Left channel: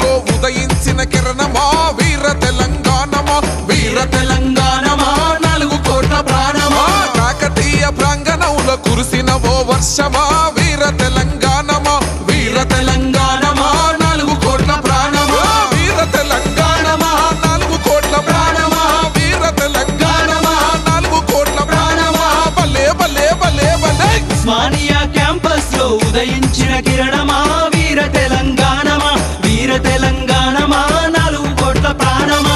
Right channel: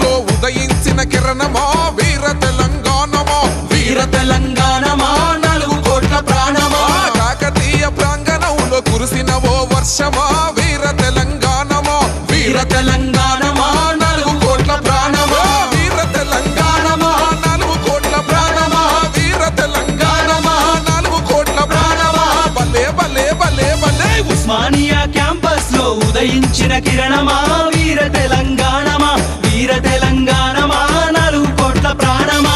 లో ఉదయించిన కిరణమా వీర తెలంగాణమా వీర తెలంగాణమా 4 కోట్ల ప్రాణమా కాకతీయ ప్రాంగణంలో కురిసిన ఓ వర్షమా వీర తెలంగాణమా వీర తెలంగాణమా 4 కోట్ల ప్రాణమా వీర తెలంగాణమా 4 కోట్ల ప్రాణమా వీర తెలంగాణమా 4 కోట్ల ప్రాణమా భలే భలే భలే భలే ఉస్మానియా క్యాంపస్ లో ఉదయించిన కిరణమా వీర తెలంగాణమా వీర తెలంగాణమా 4 కోట్ల ప్రాణమా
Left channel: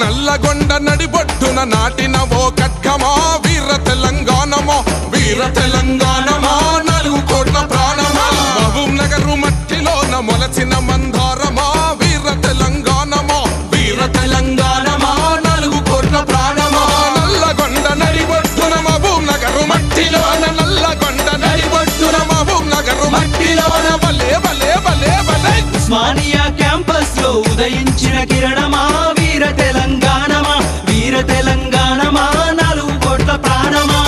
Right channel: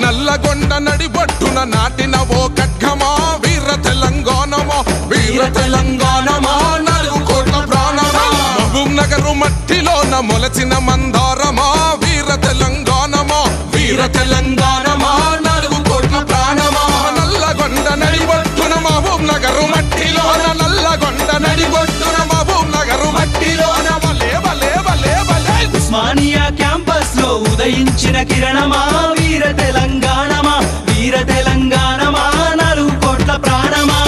నల్లగొండ నడిబొట్టున నాటిన ఓ ఖడ్గమా వీర తెలంగాణమా వీర తెలంగాణమా 4 కోట్ల ప్రాణమా మహబూబ్ నగరు మట్టిలోన మొలచిన మందారమా వీర తెలంగాణమా వీర తెలంగాణమా 4 కోట్ల ప్రాణమా నల్లగొండ నడిబొట్టున మహబూబ్ నగరు మట్టిలోన నల్లగొండ నడిబొట్టున మహబూబ్ నగరు మట్టిలోన భలే భలే భలే భలే ఉస్మానియా క్యాంపస్ లో ఉదయించిన కిరణమా వీర తెలంగాణమా వీర తెలంగాణమా 4 కోట్ల ప్రాణమా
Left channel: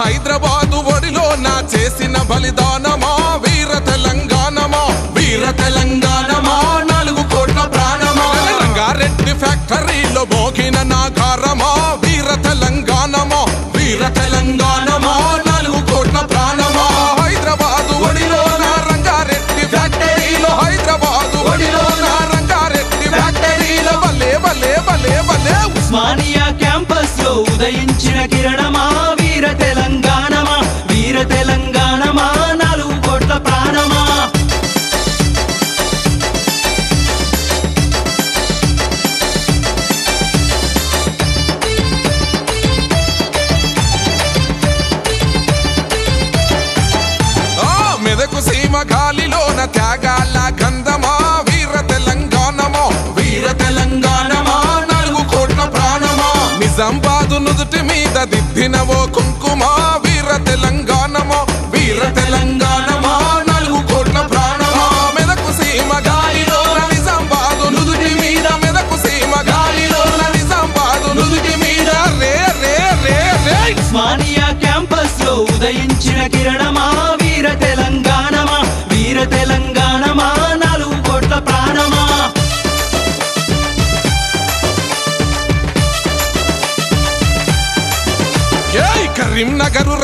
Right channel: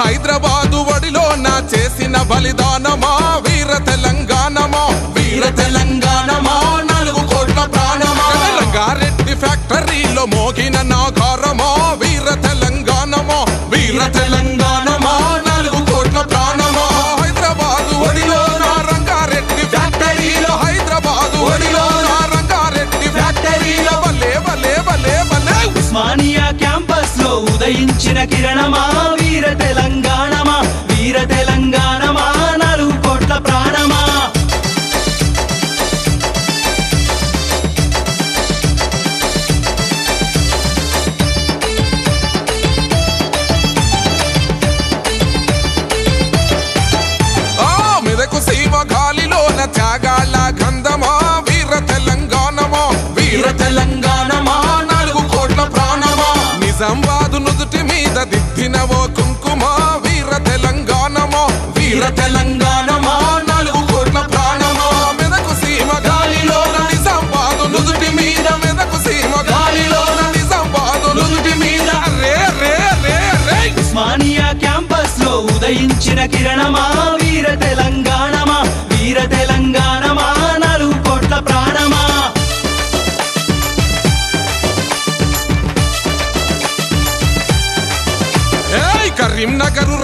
హైదరాబాదు ఒడిలో నా చేసిన బలిదానమా వీర తెలంగాణమా వీర తెలంగాణమా 4 కోట్ల ప్రాణమా రంగారెడ్డి ఫ్యాక్టరీలో మోగిన నాగారమా వీర తెలంగాణమా వీర తెలంగాణమా 4 కోట్ల ప్రాణమా హైదరాబాదు ఒడిలో నా రంగారెడ్డి ఫ్యాక్టరీలో హైదరాబాదు ఒడిలో నా రంగారెడ్డి ఫ్యాక్టరీలో భలే భలే భలే భలే ఉస్మానియా క్యాంపస్ లో ఉదయించిన కిరణమా వీర తెలంగాణమా వీర తెలంగాణమా 4 కోట్ల ప్రాణమా మెదకు సీమ గాలిలోన త్యాగాల గంధమా వీర తెలంగాణమా వీర తెలంగాణమా 4 కోట్ల ప్రాణమా నిజామాబాదు నుదుటి మీద దిద్దిన ఓ కుంకుమ వీర తెలంగాణమా వీర తెలంగాణమా 4 కోట్ల ప్రాణమా మెదకు సీమ గాలిలోన నిజామాబాదు నుదుటి మీద మెదకు సీమ గాలిలోన నిజామాబాదు నుదుటి మీద రే రే రే రే ఉస్మానియా క్యాంపస్ లో ఉదయించిన కిరణమా వీర తెలంగాణమా వీర తెలంగాణమా 4 కోట్ల ప్రాణమా కరీంనగరు